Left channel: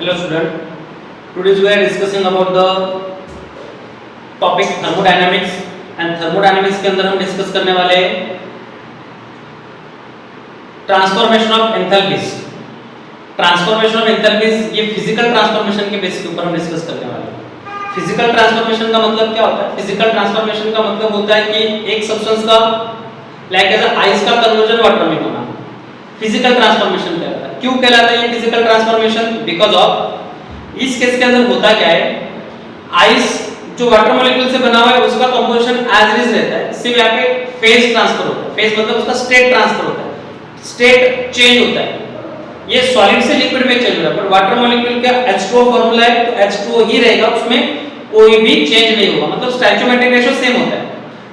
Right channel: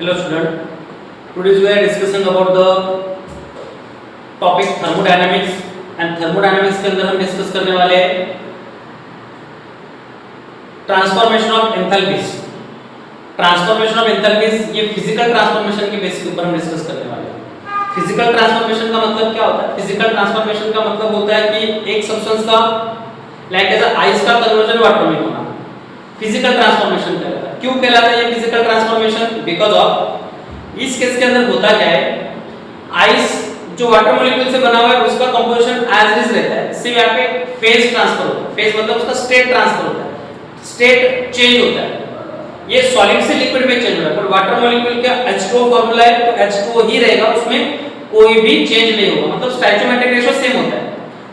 Hello student, today we are discussing about the topic thermodynamics and thermodynamics के अंदर हम discuss करने वाले हैं transformation of enthalpies. Transformation of enthalpies ये फिजिकल ट्रांसफॉर्मेशन के बेसिस के ऊपर हम डिस्कस करने वाले हैं। फिजिकल ट्रांसफॉर्मेशन का मतलब क्या होता है? फिजिकल ट्रांसफॉर्मेशन का मतलब होता है कि एक सब्सटेंस का लाइक एज आइस का कन्वर्जन वाटर में होना फिजिकल ट्रांसफॉर्मेशन कहलाता है। क्यों कहलाता है ये फिजिकल ट्रांसफॉर्मेशन? बिकॉज ऑफ इस केस के अंदर होता क्या है, आइस जो वाटर मॉलिक्यूल से बना हुआ है उसका कंपोजिशन एज इज रहता है, सिर्फ यहाँ पे फेज ट्रांसफर होता है। फेज मतलब उसका स्टेट ट्रांसफर होता है, स्टेट चेंज होता है। ये सॉलिड से लिक्विड में चेंज हो रहा है, पर वाटर मॉलिक्यूल का H2O फार्मूला है तो H2O ही रहेगा, उसमें कोई भी चेंज नहीं होगा, मतलब स्टोइकियोमेट्रिक रेशियो सेम होता है।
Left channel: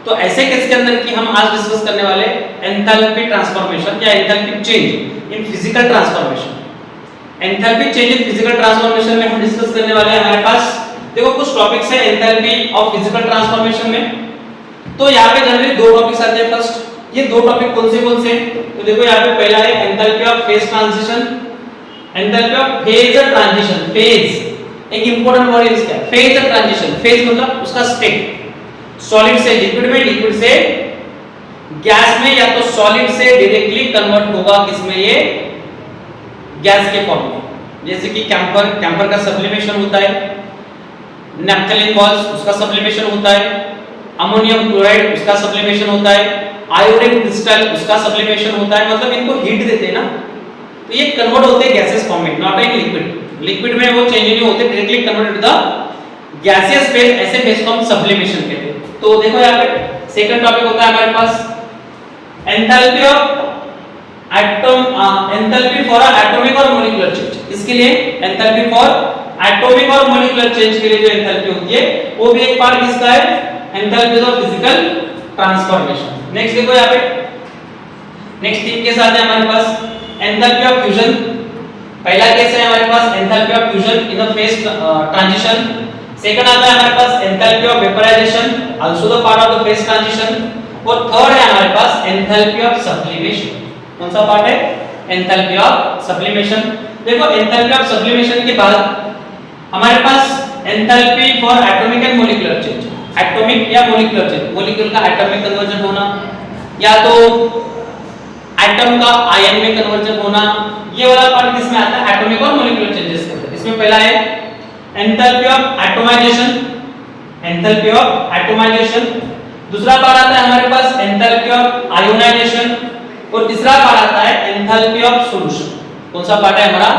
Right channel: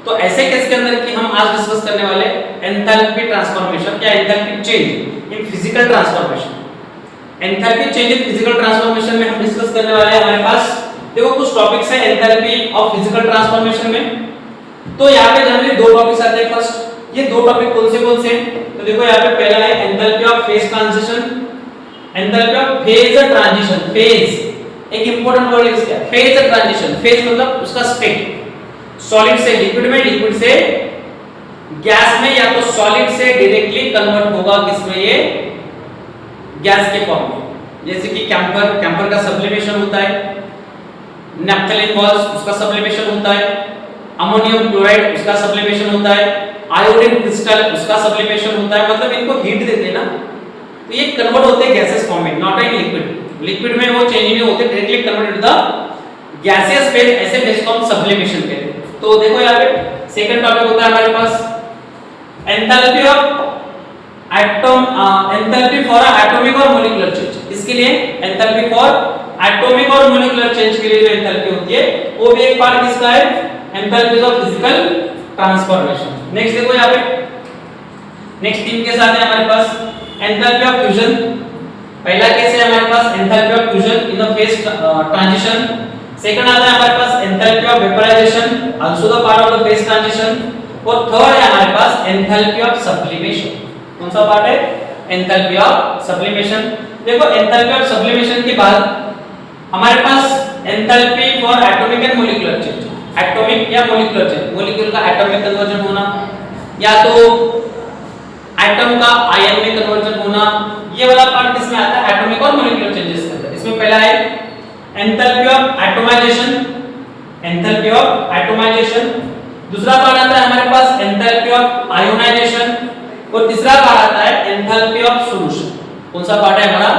तो ऐसे केस के अंदर कि हम आज डिस्कस करने वाले एंथैल्पी ट्रांसफॉर्मेशन या enthalpy change in physical transformation. Enthalpy change in physical transformation में हम डिस्कस करने वाले हैं। हमारे पास देखो कुछ टॉपिक्स है एंथैल्पी ऑफ फिजिकल ट्रांसफॉर्मेशन में, तो यहाँ पे जनरली दो टॉपिक्स आते हैं। फर्स्ट ये दो टॉपिक कौन से तो देखो यहाँ पे पहला है enthalpy of phase transition, enthalpy of phase transition. Phase एक इंपॉर्टेंट वर्ड है इसका, फेज ट्रांजिशन। फेज मतलब उसका स्टेट, सॉलिड से लिक्विड में, लिक्विड से गैस में, या तो सॉलिड से डायरेक्टली कन्वर्ट होगा किसमें, ये गैस के फॉर्म में। जैसे कि कैंपर का सब्लिमेशन होता है, नैप्थलीन बॉल्स उसका सब्लिमेशन होता है, अमोनियम क्लोराइड उसका सब्लिमेशन होता है, आयोडीन क्रिस्टल उसका सब्लिमेशन होता है। मतलब इनको हीट देते हैं ना, तो ये कन्वर्ट होते हैं गैसेस फॉर्म में, नॉट इन लिक्विड। लिक्विड में वो चेंज नहीं होते, directly convert to the gaseous phase. ऐसे फेज को हम सब्लिमेशन कहते हैं। तो देखो यहाँ पे सेकंड टॉपिक होता है हमारे पास enthalpy of atom, enthalpy for atomic और मॉलिक्यूलर चेंज। इसके लिए एंथैल्पी फॉर एटॉमिक और मॉलिक्यूलर चेंज के लिए जो एंथैल्पी होती है वो भी एक पार्ट किसका है, enthalpy of physical transformation. Next देखो यहाँ पे नेक्स्ट तीन केस आते हैं हमारे पास। एंथैल्पी ऑफ फ्यूजन, पहला केस है हमारे पास enthalpy of fusion in the phase transition. Second आता है हमारे पास enthalpy of vaporisation, also the part of the phase transition. और थर्ड है हमारे पास एंथैल्पी ऑफ सब्लिमेशन। कौन सा पार्ट है? Enthalpy of sublimation. देखो एंथैल्पी ऑफ सब्लिमेशन के बाद हमारे पास enthalpy for atomic and molecular change. Atomic या मॉलिक्यूलर चेंज, मॉलिक्यूल का एटम में कन्वर्जन होना या तो एटम का आयन में कन्वर्जन होना, ये वाला पार्ट किसमें आता है? एटॉमिक और मॉलिक्यूलर चेंजेस के अंदर। इसमें पहला है enthalpy of atomisation, enthalpy of atomisation. दूसरा पार्ट आता है हमारे पास एंथैल्पी ऑफ आयोनाइजेशन, और तीसरा पार्ट आता है एंथैल्पी ऑफ सॉल्यूशन। कौन सा पार्ट है हमारा?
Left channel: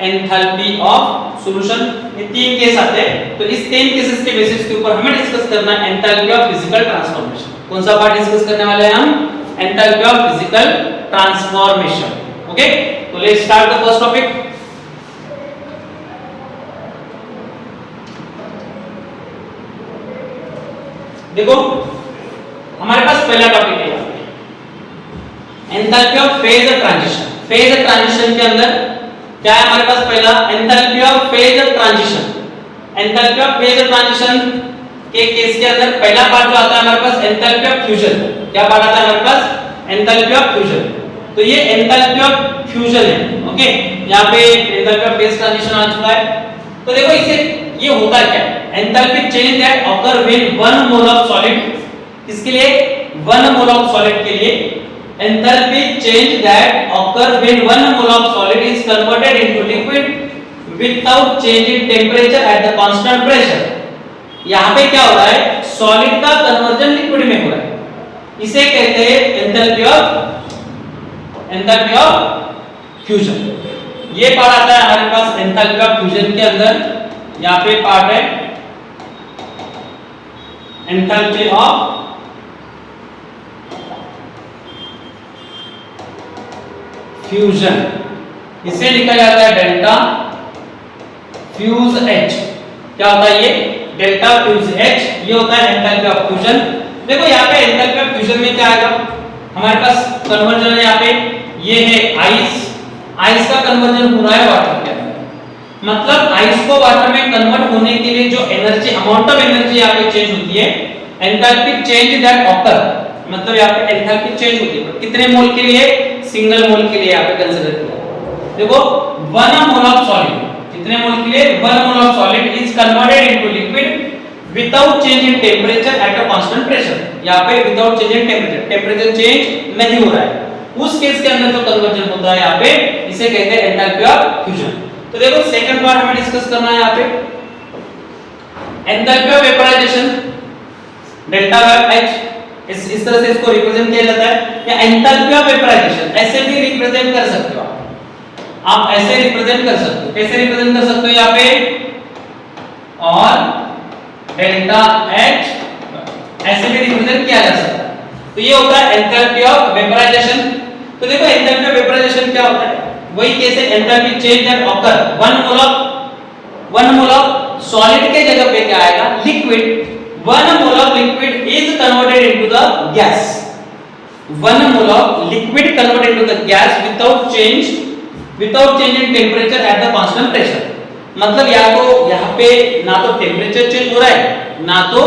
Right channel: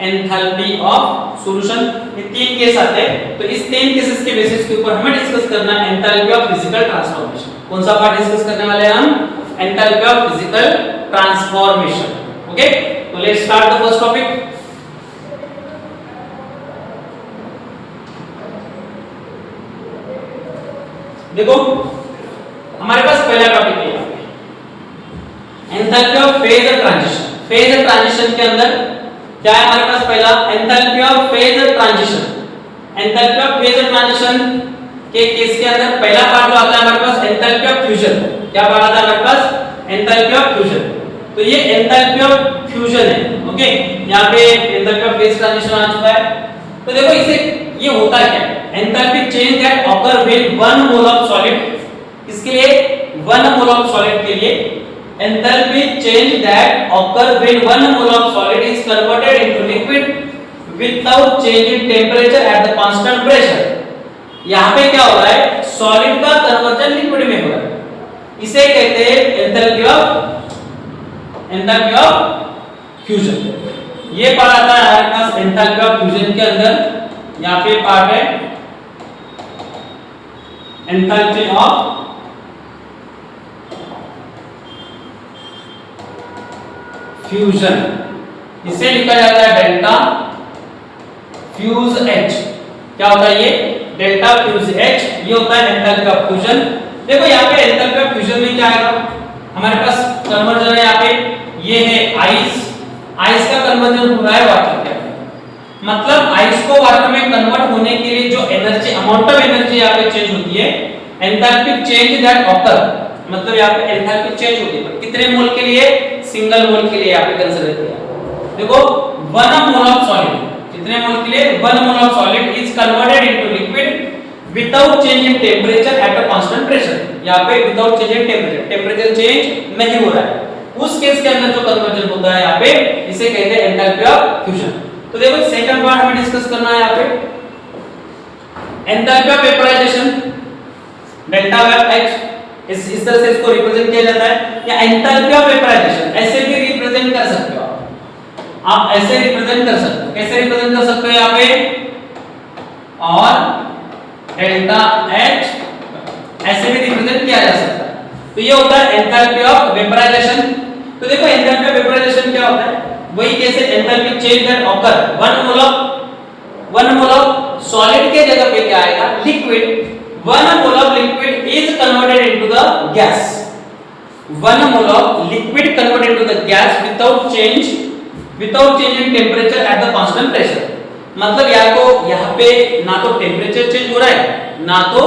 Enthalpy of solution. ये तीन केस आते हैं, तो इस तीन केसेस के बेसिस के ऊपर हमें डिस्कस करना है एंथैल्पी ऑफ फिजिकल ट्रांसफॉर्मेशन। कौन सा पार्ट डिस्कस करने वाले हैं हम? Enthalpy of physical transformation. Okay, तो let's start the first topic. देखो हमारे पास पहला टॉपिक है enthalpy of phase transition. Phase transition के अंदर क्या है हमारे पास? पहला enthalpy of phase transition. Enthalpy of phase transition के केस के अंदर पहला पार्ट जो आता है हमारे पास एंथैल्पी ऑफ फ्यूजन। क्या पार्ट आता है हमारे पास? Enthalpy of fusion. तो ये एंथैल्पी ऑफ फ्यूजन है। ओके, यहाँ पे एंथैल्पी ऑफ फेज ट्रांजिशन आ चुका है। तो देखो इसे ये होता है क्या? Enthalpy change that occur when 1 mole of solid, इसके लिए 1 मोल ऑफ सॉलिड के लिए enthalpy change that occur when 1 mole of solid is converted into liquid without change in temperature at the constant pressure. यहाँ पे क्या हो रहा है? सॉलिड का कन्वर्जन लिक्विड में हो रहा है, इसे कहते हैं एंथैल्पी ऑफ फ्यूजन। ये पार्ट आता है हमारे पास एंथैल्पी ऑफ फ्यूजन के अंदर। यहाँ पे पार्ट है एंथैल्पी ऑफ फ्यूजन, इसे लिखा जाता है डेल्टा फ्यूज H। क्या होता है ये? डेल्टा फ्यूज H, ये होता है एंथैल्पी ऑफ फ्यूजन। देखो यहाँ पे एंथैल्पी ऑफ फ्यूजन में क्या आएगा हमारे पास? कन्वर्जन है यहाँ पे, ये है आइस, आइस का कन्वर्जन हो रहा है वाटर के अंदर। मतलब आइस को वाटर में कन्वर्ट होने के लिए जो एनर्जी, अमाउंट ऑफ एनर्जी यहाँ पे चेंज होती है, एंथैल्पी चेंज दैट ऑकर, मतलब यहाँ पे एंथैल्पी चेंज होती है। कितने मोल के लिए? सिंगल मोल के लिए यहाँ पे कंसीडर किया। देखो 1 मोल ऑफ सॉलिड, कितने मोल के लिए 1 mole of solid is converted into liquid without change in temperature at a constant pressure. यहां पे without change in temperature, temperature change नहीं हो रहा है, उस केस के अंदर जो कन्वर्जन होता है यहां पे इसे कहते हैं एंथैल्पी ऑफ फ्यूजन। तो देखो सेकंड पार्ट हमें डिस्कस करना है यहां पे enthalpy of vaporisation delta H, इस तरह से इसको रिप्रेजेंट किया जाता है, या एंथैल्पी ऑफ वेपराइजेशन ऐसे भी रिप्रेजेंट कर सकते हो आप ऐसे रिप्रेजेंट कर सकते हो। कैसे रिप्रेजेंट कर सकते हो यहां पे, और डेल्टा एच ऐसे भी रिप्रेजेंट किया जा सकता है। तो ये होता है एंथैल्पी ऑफ वेपराइजेशन। तो देखो एंथैल्पी ऑफ वेपराइजेशन क्या होता है, वही कैसे enthalpy change that occur 1 mole of solid के जगह पे क्या आएगा liquid, 1 mole of liquid is converted into the gas, 1 mole of liquid converted into the gas without change in temperature at the constant pressure. मतलब या तो यहां पे ना तो टेंपरेचर चेंज हो रहा है ना तो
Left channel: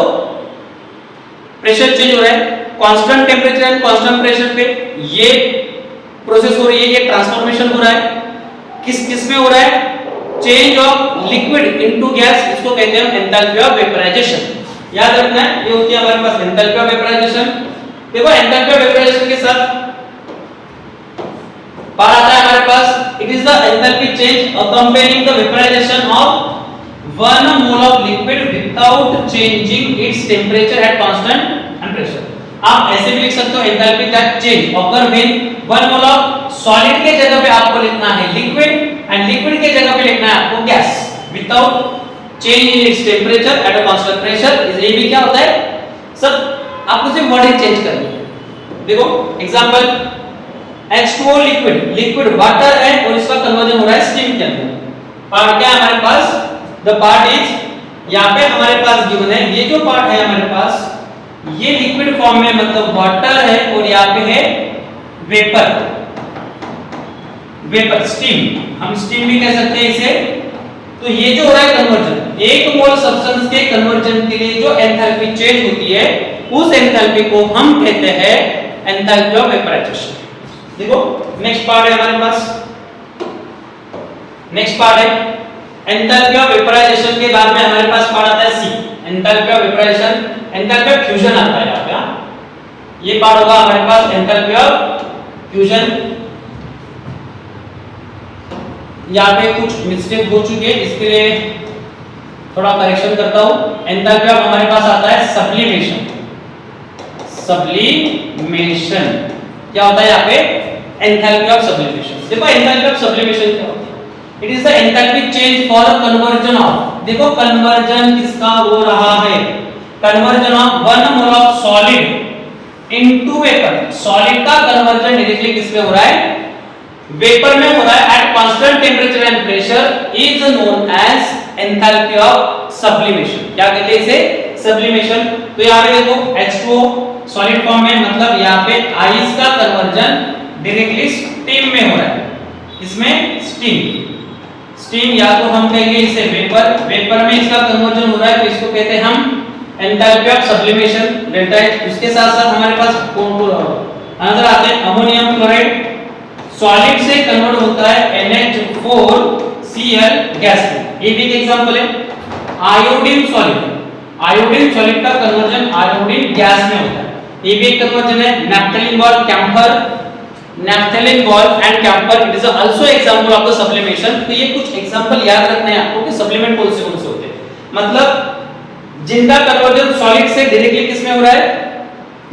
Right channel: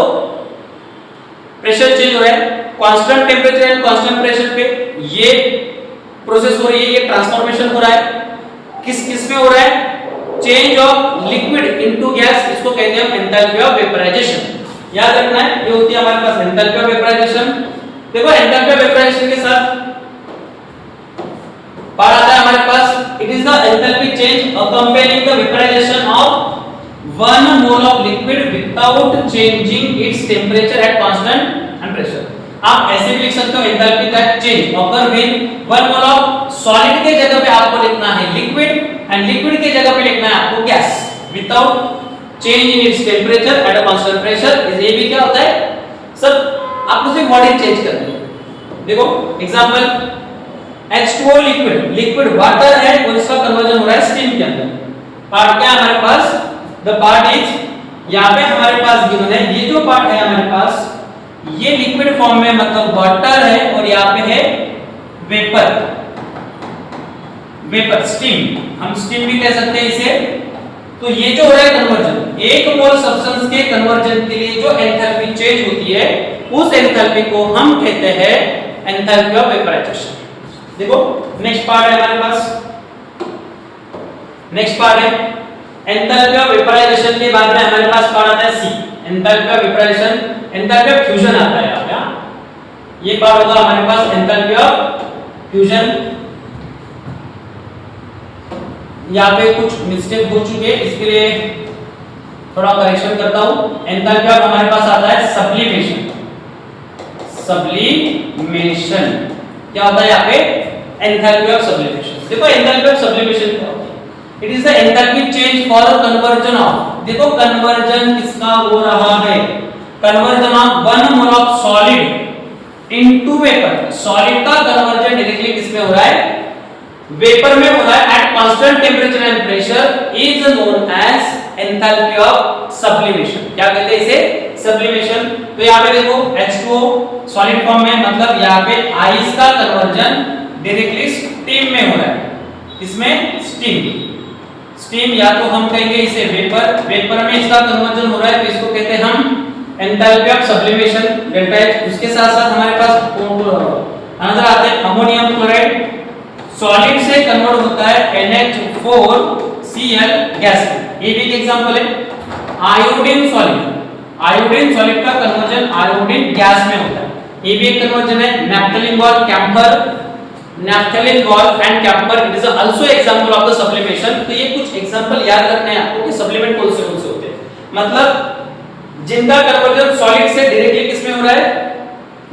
प्रेशर चेंज हो रहा है, constant temperature and constant pressure पे ये प्रोसेस हो रही है, ये ट्रांसफॉर्मेशन हो रहा है। किस में हो रहा है, change of liquid into gas, इसको कहते हैं एंथैल्पी ऑफ वेपराइजेशन। याद रखना है ये होती है हमारे पास एंथैल्पी ऑफ वेपराइजेशन। देखो एंथैल्पी ऑफ वेपराइजेशन के साथ पार्ट आता है हमारे पास it is the enthalpy change accompanying the vaporisation of 1 mole of liquid without changing its temperature at constant and pressure. आप ऐसे भी लिख सकते हो enthalpy that change occur when 1 mole of solid के जगह पे आपको लिखना है लिक्विड एंड लिक्विड के जगह पे लिखना है आपको gas without change in its temperature at a constant pressure. ये भी क्या होता है, सब आपको सिर्फ वर्डिंग चेंज करनी है। देखो एग्जांपल H2O लिक्विड वाटर है और इसका कन्वर्जन हो रहा है स्टीम के अंदर। पार्ट क्या है हमारे पास, द पार्ट इज यहां पे हमारे पास गिवन है, ये जो पार्ट है हमारे पास ये लिक्विड फॉर्म में मतलब वाटर है और यहां पे है वेपर स्टीम, हम स्टीम भी कह सकते हैं इसे। तो ये जो हो रहा है कन्वर्जन, 1 मोल सब्सटेंस के कन्वर्जन के लिए जो एंथैल्पी चेंज होती है उस एंथैल्पी को हम कहते हैं एंथैल्पी ऑफ वेपराइजेशन। देखो नेक्स्ट पार्ट है हमारे पास, नेक्स्ट पार्ट है एंथैल्पी ऑफ वेपराइजेशन के बाद में हमारे पास पार्ट आता है C, enthalpy of vaporisation, enthalpy of fusion आता है यहां पे। ये पार्ट होगा हमारे पास एंथैल्पी ऑफ फ्यूजन। यहां पे कुछ मिस्टेक हो चुकी है, इसके लिए थोड़ा करेक्शन करता हूं। एंथैल्पी ऑफ हमारे पास आता है सब्लिमेशन, सब्लिमेशन क्या होता है यहाँ पे एंथैल्पी ऑफ सब्लिमेशन। देखो एंथैल्पी ऑफ सब्लिमेशन क्या होती है, it is the enthalpy change for conversion of, देखो कन्वर्जन किसका हो रहा है, conversion of 1 mole of solid into vapour. Solid का कन्वर्जन डायरेक्टली किस में हो रहा है, वेपर में हो रहा है at constant temperature and pressure is known as enthalpy of sublimation. क्या कहते हैं इसे, सब्लिमेशन। तो यहाँ पे देखो H2O सॉलिड फॉर्म में मतलब यहाँ पे आइस का कन्वर्जन डायरेक्टली स्टीम में हो रहा है, इसमें स्टीम या तो हम कहेंगे इसे वेपर में इसका कन्वर्जन हो रहा है तो इसको कहते हैं हम enthalpy of sublimation delta H. उसके साथ साथ हमारे पास अनदर आते हैं अमोनियम क्लोराइड, सॉलिड से कन्वर्ट होता है NH4Cl गैस में। ये भी एक एग्जांपल है। आयोडीन सॉलिड का कन्वर्जन आयोडीन गैस में होता है, ये भी एक कन्वर्जन है। Naphthalene ball, camphor, naphthalene ball and camphor it is also example of the sublimation. तो ये कुछ एग्जांपल याद रखने हैं आपको कि सब्लिमेंट कौन से होते हैं, मतलब जिनका कन्वर्जन सॉलिड से डायरेक्टली किस में हो रहा है,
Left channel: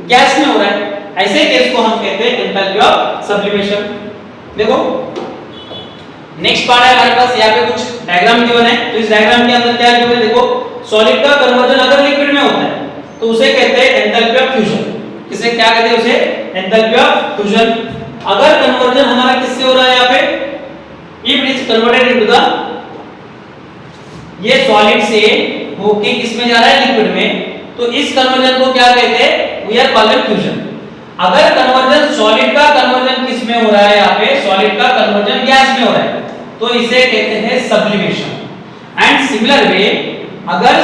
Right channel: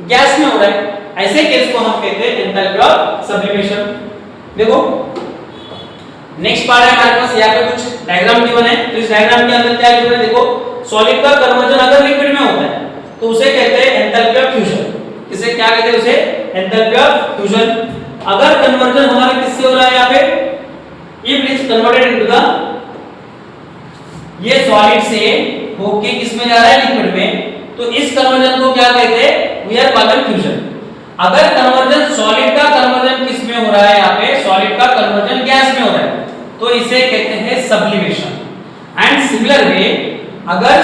गैस में हो रहा है, ऐसे केस को हम कहते हैं एंथैल्पी ऑफ सब्लिमेशन। देखो नेक्स्ट पार्ट है हमारे पास, यहाँ पे कुछ डायग्राम गिवन है। तो इस डायग्राम के अंदर क्या गिवन है, देखो सॉलिड का कन्वर्जन अगर लिक्विड में होता है तो उसे कहते हैं एंथैल्पी ऑफ फ्यूजन। इसे क्या कहते हैं, उसे एंथैल्पी ऑफ फ्यूजन। अगर कन्वर्जन हमारा किससे हो रहा है यहाँ पे, if it is converted into the, ये सॉलिड से होके किस में जा रहा है, लिक्विड में, तो इस कन्वर्जन को क्या कहते हैं, वी आर कॉलिंग फ्यूजन। अगर कन्वर्जन सॉलिड का कन्वर्जन किस में हो रहा है, यहाँ पे सॉलिड का कन्वर्जन गैस में हो रहा है तो इसे कहते हैं सब्लिमेशन। एंड सिमिलर वे अगर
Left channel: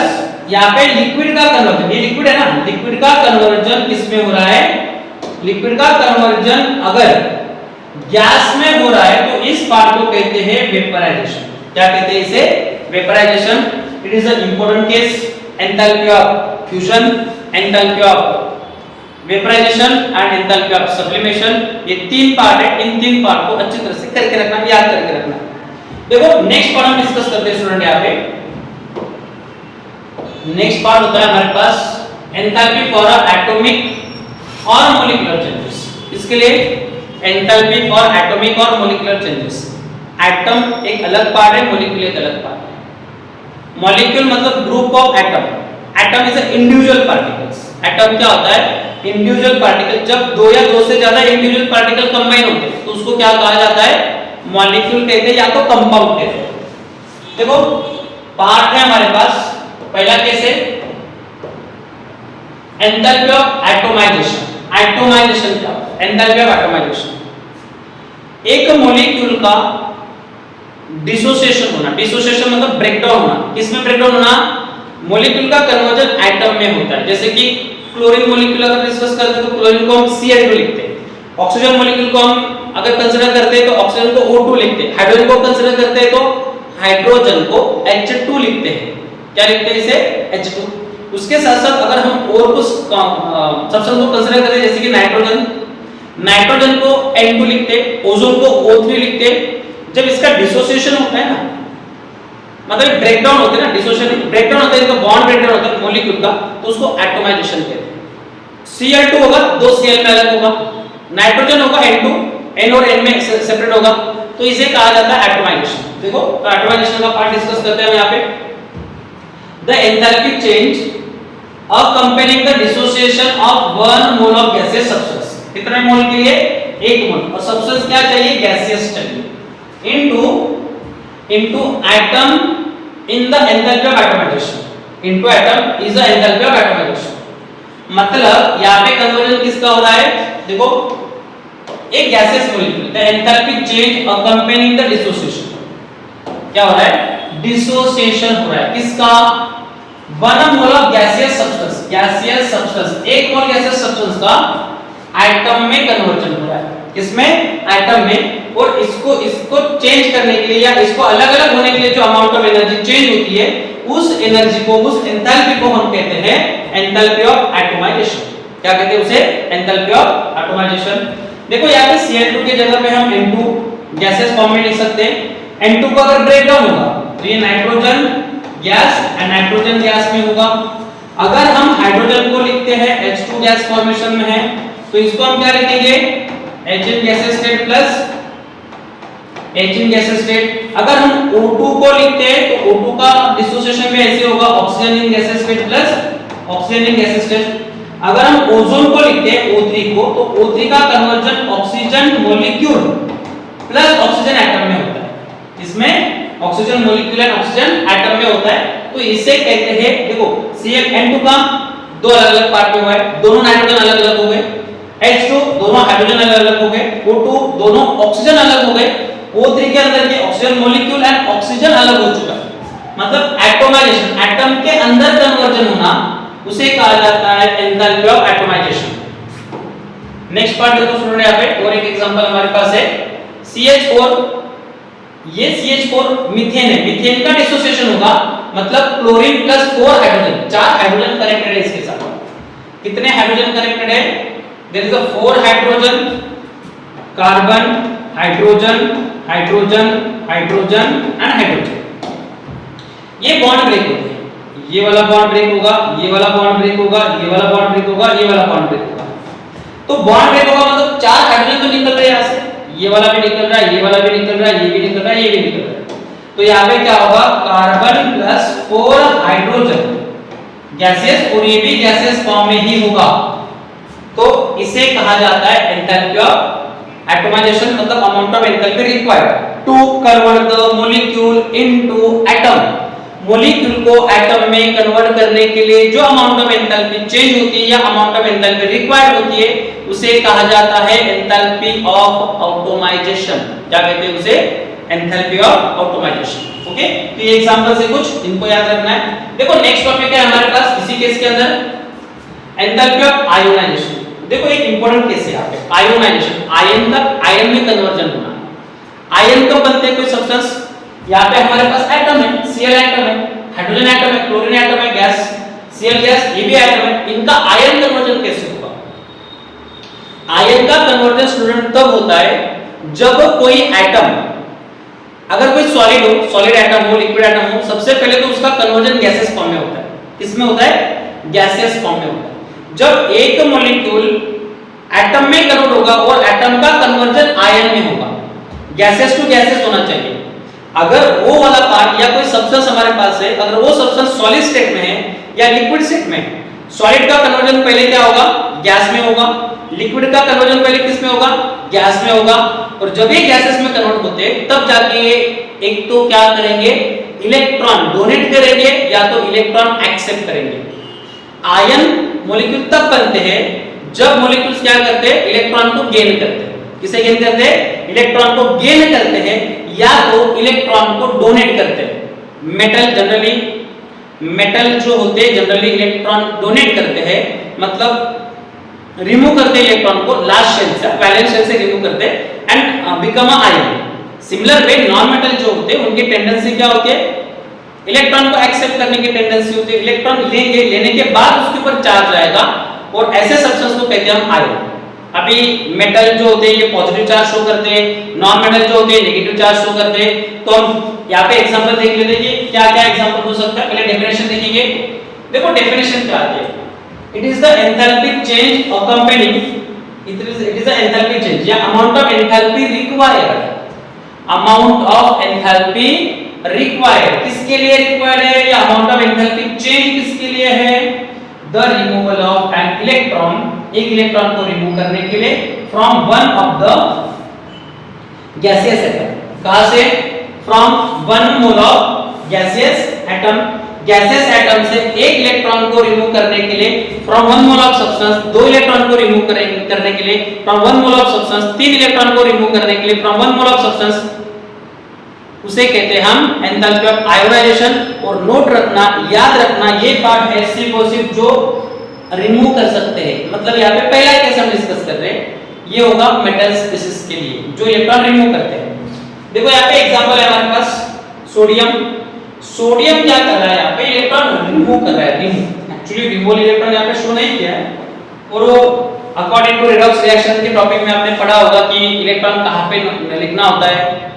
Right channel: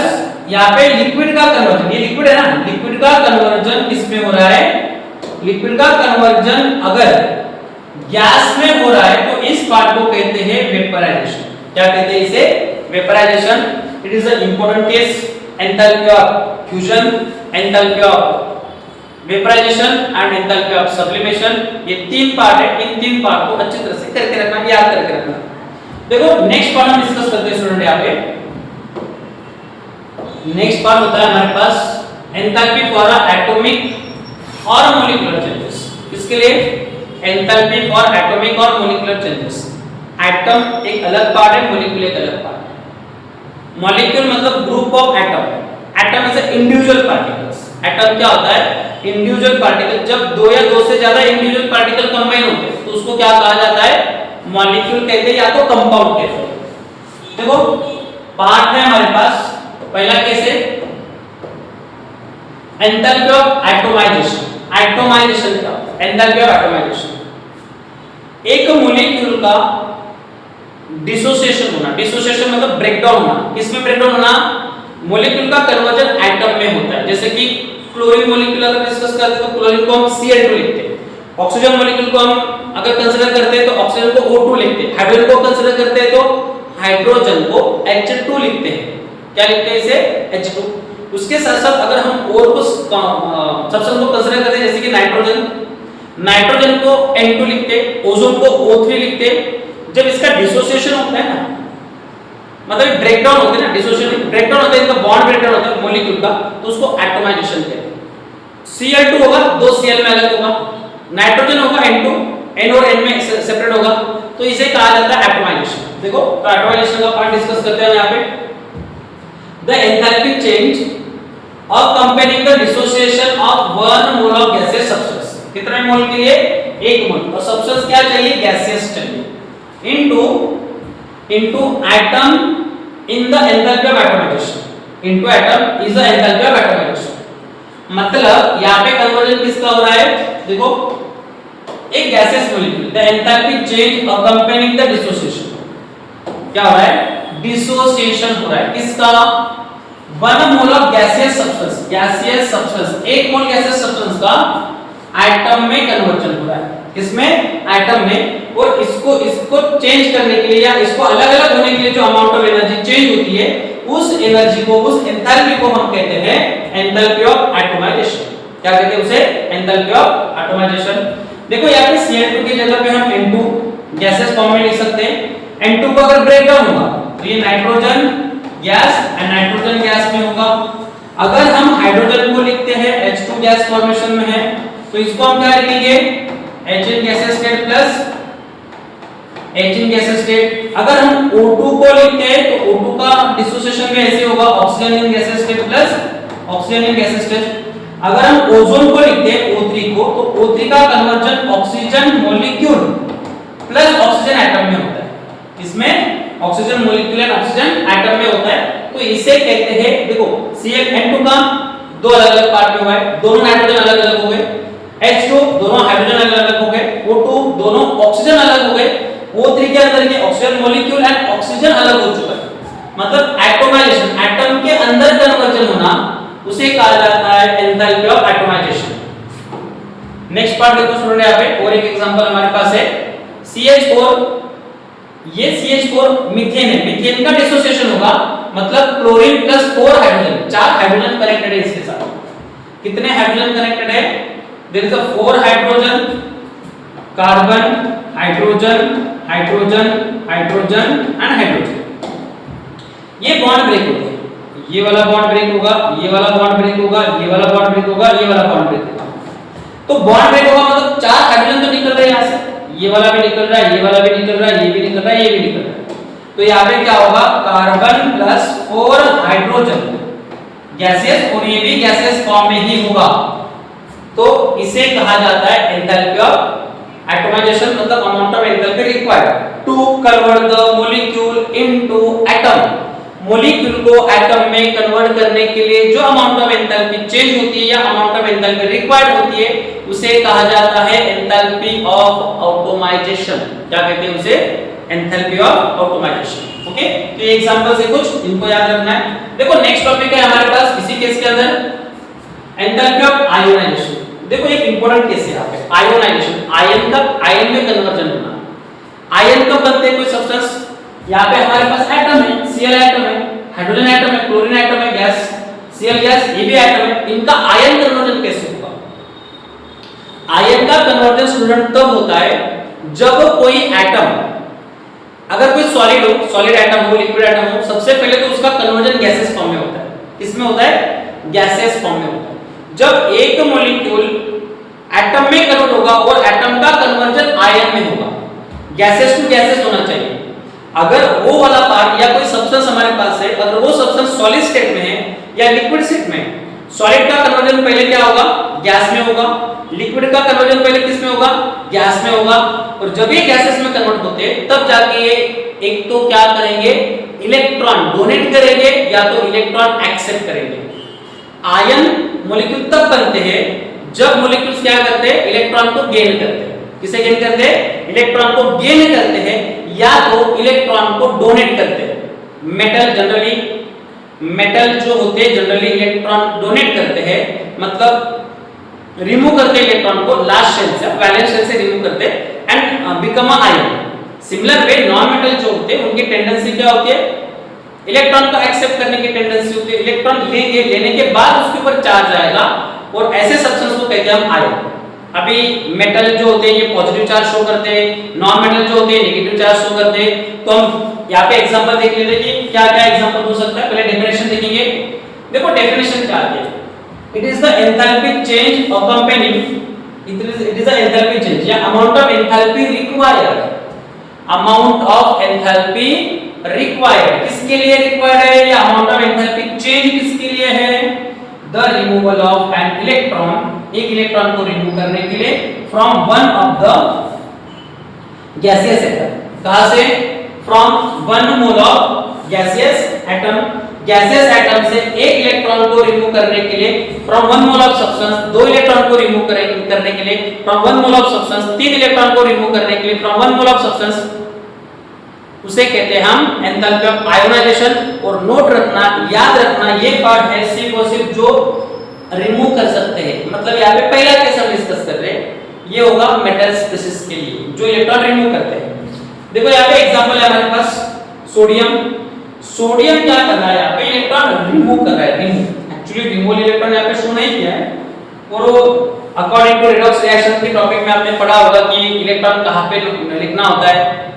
यहाँ पे लिक्विड का कन्वर्जन, ये लिक्विड है ना, लिक्विड का कन्वर्जन किस में हो रहा है, लिक्विड का कन्वर्जन अगर गैस में हो रहा है तो इस पार्ट को कहते हैं वेपराइजेशन। क्या कहते हैं इसे? Vaporisation. It is a important case. Enthalpy of fusion, enthalpy of vaporisation and enthalpy of sublimation, ये तीन पार्ट है। इन तीन पार्ट को अच्छी तरह से करके रखना, याद करके रखना। देखो नेक्स्ट पार्ट हम डिस्कस करते हैं स्टूडेंट। यहाँ पे नेक्स्ट पार्ट होता है हमारे पास एंथैल्पी फॉर एटॉमिक और मॉलिक्यूलर चेंजेस। इसके लिए एंथैल्पी फॉर एटॉमिक और मॉलिक्यूलर चेंजेस। एटम एक अलग पार्ट है, मॉलिक्यूल एक अलग पार्ट है। मॉलिक्यूल मतलब group of atom. Atom is a individual particles. Atom क्या होता है? Individual particle. जब दो या दो से ज्यादा इंडिविजुअल पार्टिकल कंबाइन होते हैं तो उसको क्या कहा जाता है? मॉलिक्यूल कहते हैं या तो कंपाउंड कहते हैं। देखो पार्ट है हमारे पास। पहला केस है एंथैल्पी ऑफ एटोमाइजेशन। एटोमाइजेशन का एंथैल्पी ऑफ एटोमाइजेशन, एक मॉलिक्यूल का डिसोसिएशन होना। डिसोसिएशन मतलब ब्रेकडाउन होना। किसमें ब्रेकडाउन होना? मॉलिक्यूल का कन्वर्जन एटम में होता है। जैसे कि क्लोरीन मॉलिक्यूल अगर डिस्कस करते हैं तो क्लोरीन को हम Cl2 लिखते हैं। ऑक्सीजन मॉलिक्यूल को हम अगर कंसीडर करते हैं तो ऑक्सीजन को O2 लिखते हैं। हाइड्रोजन को कंसीडर करते हैं तो हाइड्रोजन को H2 लिखते हैं। क्या लिखते हैं इसे? H2। उसके साथ साथ अगर हम और कुछ सब्सटेंस को कंसीडर करते हैं जैसे कि नाइट्रोजन, नाइट्रोजन को N2 लिखते हैं, ओजोन को O3 लिखते हैं। जब इसका डिसोसिएशन होता है ना, मतलब ब्रेकडाउन होते हैं ना, डिसोसिएशन ब्रेकडाउन होता है, इसका बॉन्ड ब्रेकडाउन होता है मॉलिक्यूल का, तो उसको एटोमाइजेशन कहते हैं। Cl2 होगा, दो Cl में अलग होगा, नाइट्रोजन होगा N2, N और N में सेपरेट होगा, तो इसे कहा जाता है एटोमाइजेशन। देखो तो एटोमाइजेशन का पार्ट डिस्कस करते हैं यहाँ पे। The enthalpy change of comparing the dissociation of 1 mole of gaseous substance. कितने मोल के लिए? 1 मोल। और सब्सटेंस क्या चाहिए? गैसियस चाहिए। Into atom in the enthalpy of atomisation. Into atom is the enthalpy of atomisation. मतलब यहाँ पे कन्वर्जन किसका हो रहा है? देखो एक gaseous molecule, the enthalpy change accompanying the dissociation. क्या हो रहा है? डिसोसिएशन हो रहा है। किसका? 1 mole of gaseous substance. Gaseous substance, 1 mole gaseous substance का एटम में कन्वर्जन हो रहा है। किसमें? एटम में। और इसको चेंज करने के लिए या इसको अलग-अलग होने के लिए जो अमाउंट ऑफ एनर्जी चेंज होती है, उस एनर्जी को, उस एंथैल्पी को हम कहते हैं एंथैल्पी ऑफ एटोमाइजेशन। क्या कहते हैं उसे? Enthalpy of atomisation. देखो यहाँ पे Cl2 की जगह पे हम N2 गैसेस फॉर्म में लिख सकते हैं। N2 को अगर ब्रेक डाउन होगा तो ये nitrogen gas and nitrogen gas में होगा। अगर हम हाइड्रोजन को लिखते हैं H2 गैस फॉर्मेशन में है तो इसको हम क्या लिखेंगे? H in gases state plus H in gases state. अगर हम O2 को लिखते हैं तो O2 का डिसोसिएशन में ऐसे होगा oxygen in gases state plus oxygen in gases state. अगर हम ओजोन को लिखते हैं O3 को तो O3 का conversion oxygen molecule plus oxygen atom में होता है। इसमें oxygen molecule and oxygen atom में होता है, तो इसे कहते हैं, देखो Cl2 का दो अलग-अलग पार्ट में हुआ है, दोनों नाइट्रोजन अलग-अलग हो गए, H2 दोनों हाइड्रोजन अलग-अलग हो गए, O2 दोनों ऑक्सीजन अलग हो गए, O3 के अंदर के ऑक्सीजन मॉलिक्यूल एंड ऑक्सीजन अलग हो चुका है। मतलब एटोमाइजेशन, एटम के अंदर कन्वर्जन होना, उसे कहा जाता है enthalpy of atomisation. Next part देखो स्टूडेंट, यहाँ पे और एक एग्जांपल हमारे पास है CH4। ये CH4 मीथेन है, मीथेन का डिसोसिएशन होगा, मतलब chlorine plus 4 hydrogen, 4 hydrogen connected है इसके साथ। कितने हाइड्रोजन कनेक्टेड है? There is a 4 hydrogen, carbon, hydrogen, hydrogen, hydrogen and hydrogen. ये बॉन्ड ब्रेक होते हैं, ये वाला बॉन्ड ब्रेक होगा, ये वाला बॉन्ड ब्रेक होगा, ये वाला बॉन्ड ब्रेक होगा, ये वाला बॉन्ड ब्रेक होगा। तो बॉन्ड ब्रेक होगा मतलब 4 हाइड्रोजन तो निकल रहे हैं यहाँ से, ये वाला भी निकल रहा है, ये वाला भी निकल रहा है, ये भी निकल रहा है, ये भी निकल रहा है। तो यहाँ पे क्या होगा? कार्बन प्लस 4 हाइड्रोजन गैसेस, और ये भी गैसेस फॉर्म में ही होगा। तो इसे कहा जाता है एंथैल्पी ऑफ एटोमाइजेशन, मतलब amount of enthalpy required to convert the molecule into atom. Molecule को एटम में कन्वर्ट करने के लिए जो अमाउंट ऑफ एंथैल्पी चेंज होती है या अमाउंट ऑफ एंथैल्पी रिक्वायर्ड होती है, उसे कहा जाता है एंथैल्पी ऑफ ऑटोमाइजेशन। क्या कहते हैं उसे? Enthalpy of automisation. ओके, तो ये एग्जांपल से कुछ इनको याद रखना है। देखो नेक्स्ट टॉपिक है हमारे पास इसी केस के अंदर एंथैल्पी ऑफ आयोनाइजेशन। देखो एक इंपॉर्टेंट केस है यहाँ पे, आयोनाइजेशन। आयन का आयन में कन्वर्जन होना। आयन कब बनते हैं कोई सब्सटेंस? यहाँ पे हमारे पास एटम है, Cl एटम है, हाइड्रोजन एटम है, क्लोरीन एटम है, गैस Cl गैस, ये भी एटम है। इनका आयन कन्वर्जन कैसे होगा? आयन का कन्वर्जन स्टूडेंट तब होता है जब कोई एटम, अगर कोई सॉलिड हो, सॉलिड एटम हो, लिक्विड एटम हो, सबसे पहले तो उसका कन्वर्जन गैसेस फॉर्म में होता है। किसमें होता है? गैसेस फॉर्म में होता है। जब एक मॉलिक्यूल एटम में कन्वर्ट होगा और एटम का कन्वर्जन आयन में होगा, गैसेस टू गैसेस होना चाहिए। अगर वो वाला पार्ट या कोई सब्सटेंस हमारे पास है, अगर वो सब्सटेंस सॉलिड स्टेट में है या लिक्विड स्टेट में, सॉलिड का कन्वर्जन पहले क्या होगा? गैस में होगा। लिक्विड का कन्वर्जन पहले किस में होगा? गैस में होगा। और जब ये गैसेस में कन्वर्ट होते हैं तब जाके ये एक तो क्या करेंगे? इलेक्ट्रॉन डोनेट करेंगे या तो इलेक्ट्रॉन एक्सेप्ट करेंगे। आयन मॉलिक्यूल तब बनते हैं जब मॉलिक्यूल्स क्या करते हैं? इलेक्ट्रॉन को गेन करते हैं। किसे गेन करते हैं? इलेक्ट्रॉन को गेन करते हैं या तो इलेक्ट्रॉन को डोनेट करते हैं। मेटल जनरली, मेटल जो होते हैं जनरली इलेक्ट्रॉन डोनेट करते हैं, मतलब रिमूव करते हैं इलेक्ट्रॉन को लास्ट शेल से, वैलेंस शेल से रिमूव करते हैं and become a ion. Similar way non metal जो होते हैं उनकी टेंडेंसी क्या होती है? इलेक्ट्रॉन को एक्सेप्ट करने की टेंडेंसी होती है। इलेक्ट्रॉन लेंगे, लेने के बाद उसके ऊपर चार्ज आएगा और ऐसे सब्सटेंस को कहते हैं हम आयन। अभी मेटल जो होते हैं ये पॉजिटिव चार्ज शो करते हैं, नॉन मेटल जो होते हैं नेगेटिव चार्ज शो करते हैं। तो हम यहाँ पे एग्जांपल देख लेते हैं कि क्या क्या एग्जांपल हो सकता है। पहले डेफिनेशन देखेंगे। देखो डेफिनेशन क्या है? It is the enthalpy change accompanying, it is the enthalpy change या amount of enthalpy required, amount of enthalpy required किसके लिए रिक्वायर्ड है? या अमाउंट ऑफ एंथैल्पी चेंज किसके लिए है? The removal of an electron, एक इलेक्ट्रॉन को रिमूव करने के लिए from one of the gaseous atom. कहां से? From one mole of gaseous atom. Gaseous atom से एक इलेक्ट्रॉन को रिमूव करने के लिए from one mole of substance, दो इलेक्ट्रॉन को रिमूव करने के लिए from one mole of substance, तीन इलेक्ट्रॉन को रिमूव करने के लिए from one mole of substance, उसे कहते हैं हम एंथैल्पी ऑफ आयोनाइजेशन। और नोट रखना, याद रखना, ये पार्ट है सिर्फ और सिर्फ जो रिमूव कर सकते हैं। मतलब यहाँ पे पहला केस हम डिस्कस कर रहे हैं, ये होगा मेटल स्पीशीज के लिए जो इलेक्ट्रॉन रिमूव करते हैं। देखो यहाँ पे एग्जांपल है हमारे पास सोडियम। सोडियम क्या कर रहा है? यहाँ पे इलेक्ट्रॉन रिमूव कर रहा है। रिमूव एक्चुअली रिमूवल इलेक्ट्रॉन यहाँ पे शो नहीं किया है, और वो अकॉर्डिंग टू रिडॉक्स रिएक्शन के टॉपिक में आपने पढ़ा होगा कि इलेक्ट्रॉन कहाँ पे लिखना होता है,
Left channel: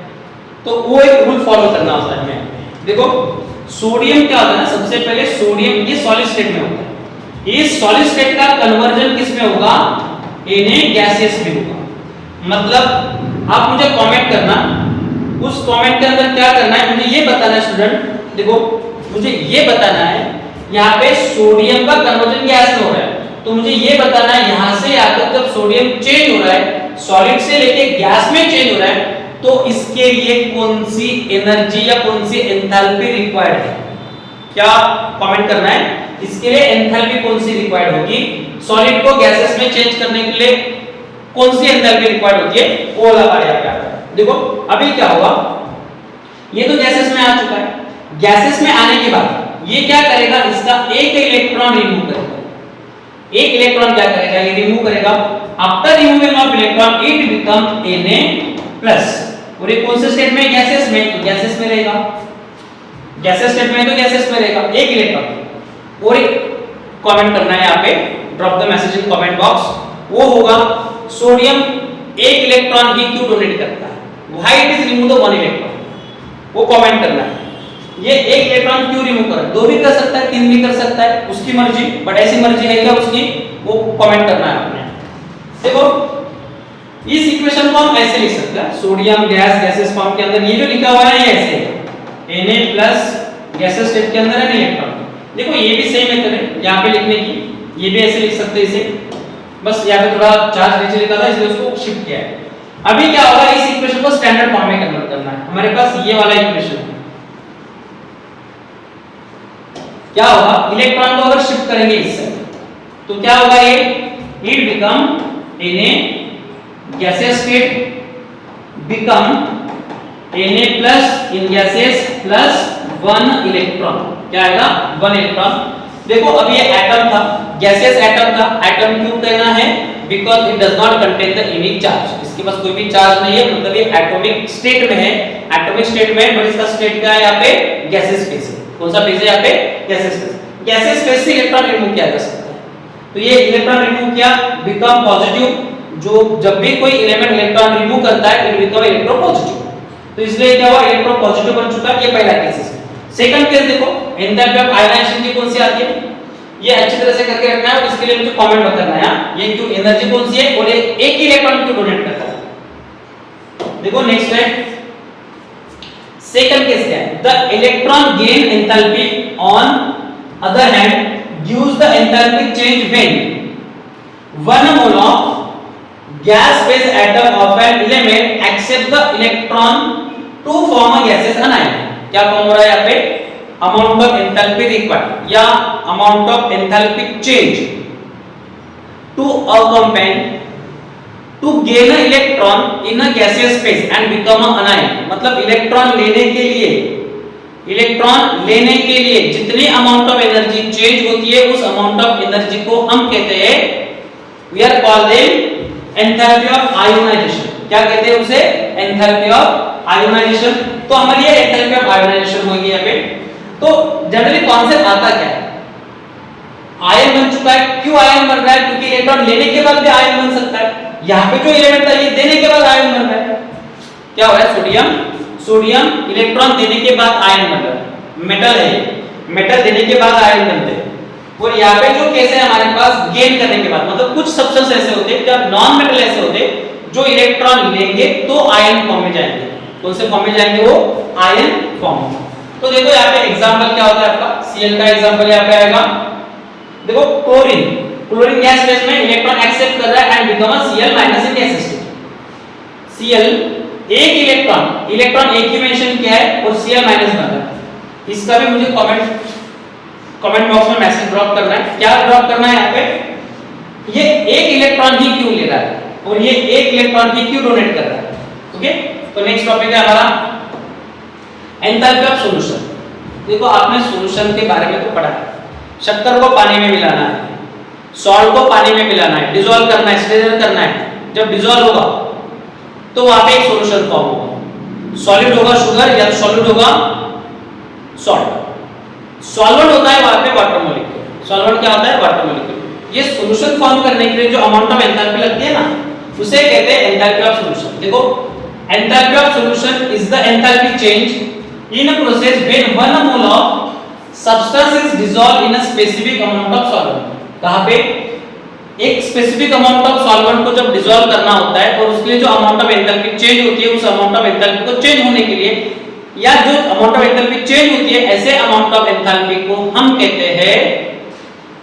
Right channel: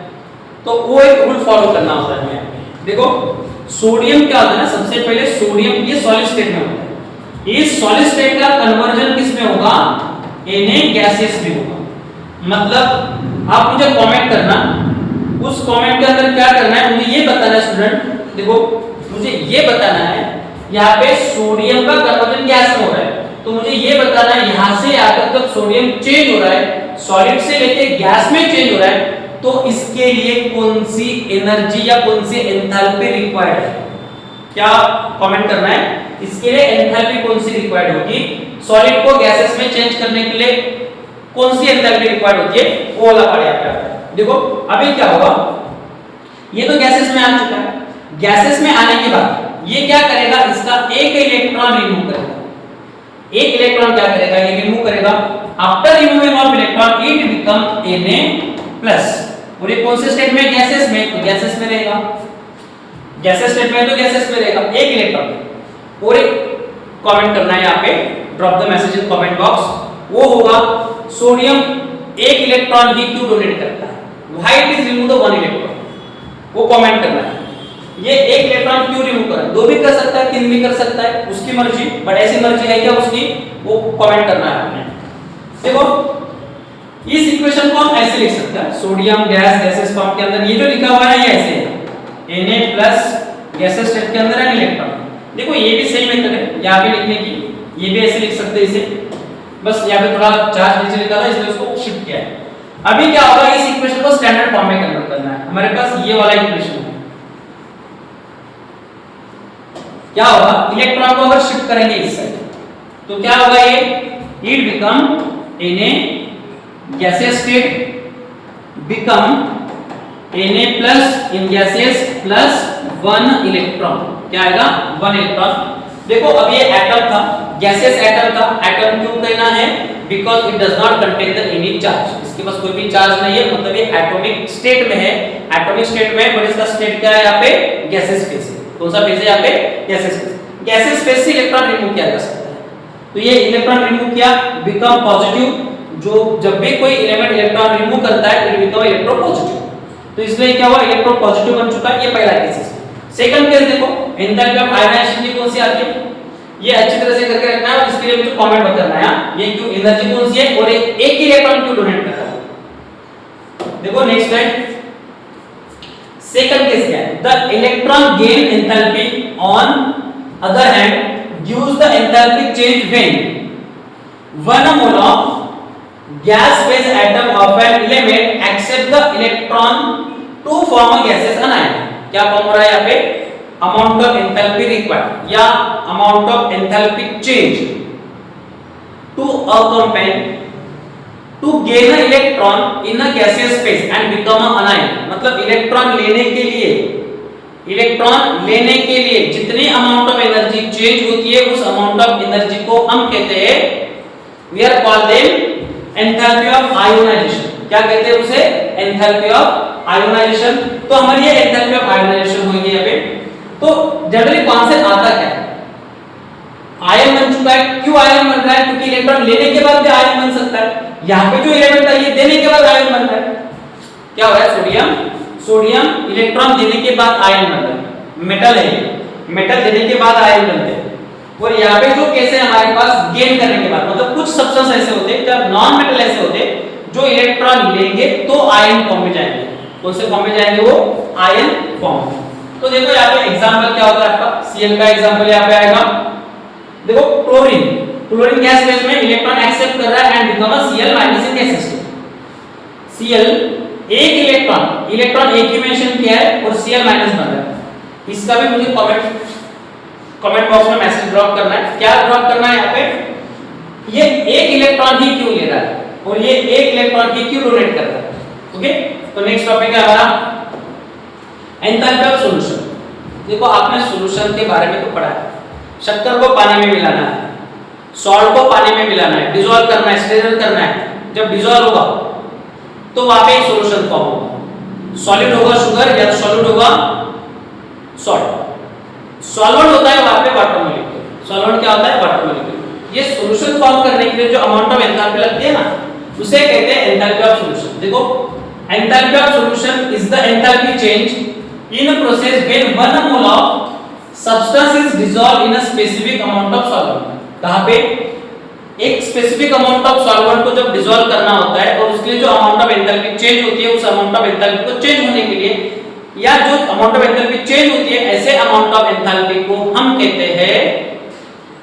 तो वो एक रूल फॉलो करना होता है हमें। देखो सोडियम क्या होता है ना, सबसे पहले सोडियम ये सॉलिड स्टेट में होता है। ये सॉलिड स्टेट का कन्वर्जन किस में होगा? Na गैसेस में होगा। मतलब आप मुझे कमेंट करना, उस कमेंट के अंदर क्या करना है, मुझे ये बताना है स्टूडेंट। देखो मुझे ये बताना है यहाँ पे सोडियम का कन्वर्जन गैस में हो रहा है, तो मुझे ये बताना है यहाँ से यहाँ तक जब सोडियम चेंज हो रहा है, सॉलिड से लेके गैस में चेंज हो रहा है, तो इसके लिए कौन सी एनर्जी या कौन सी एंथैल्पी रिक्वायर्ड है? क्या कमेंट करना है? इसके लिए एंथैल्पी कौन सी रिक्वायर्ड होगी? सॉलिड को गैसेस में चेंज करने के लिए कौन सी एंथैल्पी रिक्वायर्ड होती है? वो वाला पार्ट याद करना है। देखो अभी क्या होगा, ये तो गैसेस में आ चुका है। गैसेस में आने के बाद ये क्या करेगा? इसका एक इलेक्ट्रॉन रिमूव करेगा। एक इलेक्ट्रॉन क्या करेगा? ये रिमूव करेगा। After removing of electron it become Na+। और ये कौन से स्टेट में? गैसेस में, तो गैसेस में रहेगा। गैसेस स्टेट में तो गैसेस में रहेगा एक इलेक्ट्रॉन। और एक कमेंट करना है यहाँ पे, drop the message in comment box. वो होगा सोडियम एक इलेक्ट्रॉन ही क्यों डोनेट करता है? Why it is remove the one electron, वो कमेंट करना है। ये एक इलेक्ट्रॉन क्यों रिमूव कर रहा है? दो भी कर सकता है, तीन भी कर सकता है, उसकी मर्जी, बट ऐसी मर्जी है क्या उसकी? वो कमेंट करना है आपने। देखो इस इक्वेशन को हम ऐसे लिख सकते हैं, सोडियम गैस गैसेस फॉर्म के अंदर ये जो लिखा हुआ है ये ऐसे है, Na+ गैसेस स्टेट के अंदर है इलेक्ट्रॉन। देखो ये भी सेम मेथड है यहाँ पे लिखने की, ये भी ऐसे लिख सकते हैं इसे, बस यहाँ पे थोड़ा चार्ज नीचे लिखा था इसलिए उसको शिफ्ट किया है। अभी क्या होगा, इस इक्वेशन को स्टैंडर्ड फॉर्म में कन्वर्ट करना है। हमारे पास ये वाला इक्वेशन है, क्या होगा? इलेक्ट्रॉन को अगर शिफ्ट करेंगे इस साइड तो क्या होगा? ये it become Na gaseous state become Na+ in gaseous plus 1 electron. क्या आएगा? 1 इलेक्ट्रॉन। देखो अब ये एटम था, गैसियस एटम था, एटम क्यों कहना है? Because it does not contain the any charge, इसके पास कोई भी चार्ज नहीं है, मतलब ये एटॉमिक स्टेट में है, एटॉमिक स्टेट में, और इसका स्टेट क्या है यहाँ पे? गैसियस फेज है। कौन सा फेज है यहाँ पे? Gaseous phase. गैसियस फेज से इलेक्ट्रॉन रिमूव किया जा सकता है, तो ये इलेक्ट्रॉन रिमूव किया, बिकम पॉजिटिव, जो जब भी कोई एलिमेंट इलेक्ट्रॉन रिमूव करता है इट बिकम इलेक्ट्रोपॉजिटिव, तो इसलिए क्या हुआ? इलेक्ट्रोपॉजिटिव बन चुका है, ये पहला केस है। सेकंड केस देखो, एंथैल्पी ऑफ आयोनाइजेशन की कौन सी आती है, ये अच्छी तरह से करके रखना है, और इसके लिए मुझे कमेंट बताना है ये क्यों एनर्जी कौन सी है और एक ही इलेक्ट्रॉन क्यों डोनेट करता है। देखो नेक्स्ट है, सेकंड केस क्या है? The electron gain enthalpy on other hand gives the enthalpy change when 1 mole of gas phase atom of an element accept the electron to form a gaseous anion। क्या form हो रहा है यहाँ पे? amount of enthalpy required या amount of enthalpy change to a compound to gain an electron in a gaseous phase and become an anion। मतलब electron लेने के लिए जितनी अमाउंट ऑफ एनर्जी चेंज होती है उस अमाउंट ऑफ एनर्जी को हम कहते हैं, we are call them enthalpy of ionization। क्या कहते हैं उसे? enthalpy of ionization। तो हमारी ये enthalpy of ionization होगी यहाँ पे। तो जनरली कॉन्सेप्ट आता क्या है? आयन बन चुका है, क्यों आयन बन रहा है? क्योंकि इलेक्ट्रॉन लेने के बाद भी आयन बन सकता है, यहाँ पे जो एलिमेंट था ये देने के बाद आयन बन रहा है। क्या हो रहा है? सोडियम इलेक्ट्रॉन देने के बाद आयन बन रहा है, मेटल है ये, मेटल देने के बाद आयन बनते हैं। और यहाँ पे जो केस है हमारे पास गेन करने के बाद, मतलब कुछ सब्सटेंस ऐसे होते हैं, जब नॉन मेटल ऐसे होते हैं जो इलेक्ट्रॉन लेंगे तो आयन फॉर्म में जाएंगे। कौन से फॉर्म में जाएंगे? वो आयन फॉर्म। तो देखो यहाँ पे एग्जांपल क्या होता है आपका? Cl का एग्जांपल यहाँ पे आएगा। देखो क्लोरीन गैस फेज में इलेक्ट्रॉन एक्सेप्ट कर रहा है and become a Cl- in gas state. Cl एक इलेक्ट्रॉन एक ही मेंशन किया है और Cl- बन रहा है। इसका भी मुझे कमेंट बॉक्स में मैसेज ड्रॉप करना है। क्या ड्रॉप करना है यहाँ पे? ये एक इलेक्ट्रॉन ही क्यों ले रहा है और ये एक इलेक्ट्रॉन ही क्यों डोनेट कर रहा है। ओके, तो नेक्स्ट टॉपिक है हमारा एंथैल्पी ऑफ सॉल्यूशन। देखो आपने सॉल्यूशन के बारे में तो पढ़ा है, शक्कर को पानी में मिलाना है, सॉल्ट को पानी में मिलाना है, डिसॉल्व करना है, स्टेरर करना है। जब डिसॉल्व होगा तो वहां पे एक सॉल्यूशन फॉर्म होगा, सॉलिड होगा शुगर या सॉलिड होगा सॉल्ट। सॉल्वेंट होता है वहां पे वाटर मॉलिक्यूल। सॉल्वेंट क्या होता है? Water molecule. ये सॉल्यूशन फॉर्म करने के लिए जो अमाउंट ऑफ एंथैल्पी लगती है ना, उसे कहते हैं एंथैल्पी ऑफ सॉल्यूशन। देखो enthalpy of solution is the enthalpy change in a process when 1 mole of substance is dissolve in a specific amount of solvent. कहां पे? एक स्पेसिफिक अमाउंट ऑफ सॉल्वेंट को जब डिसॉल्व करना होता है और उसके लिए जो अमाउंट ऑफ एंथैल्पी चेंज होती है, उस अमाउंट ऑफ एंथैल्पी को चेंज होने के लिए या जो अमाउंट ऑफ एंथैल्पी चेंज होती है, ऐसे अमाउंट ऑफ एंथैल्पी को हम कहते हैं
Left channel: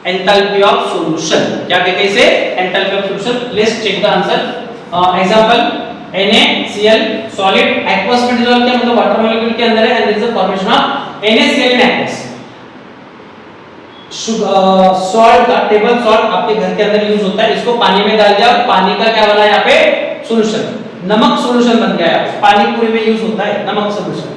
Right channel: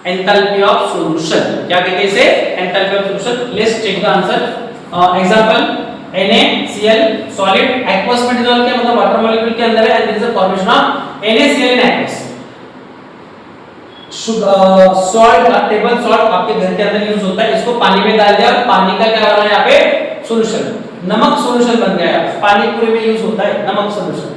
एंथैल्पी ऑफ सॉल्यूशन। क्या कहते हैं इसे? Enthalpy of solution. Let's check the answer. Example NaCl solid aqueous में डिसॉल्व किया, मतलब वाटर मॉलिक्यूल के अंदर है, and there is a formation of NaCl in aqueous. Salt का टेबल सॉल्ट आपके घर के अंदर यूज होता है, इसको पानी में डाल दिया, पानी का क्या बना यहाँ पे? सॉल्यूशन। नमक सॉल्यूशन बन गया है, पानी पूरे में यूज होता है नमक सॉल्यूशन।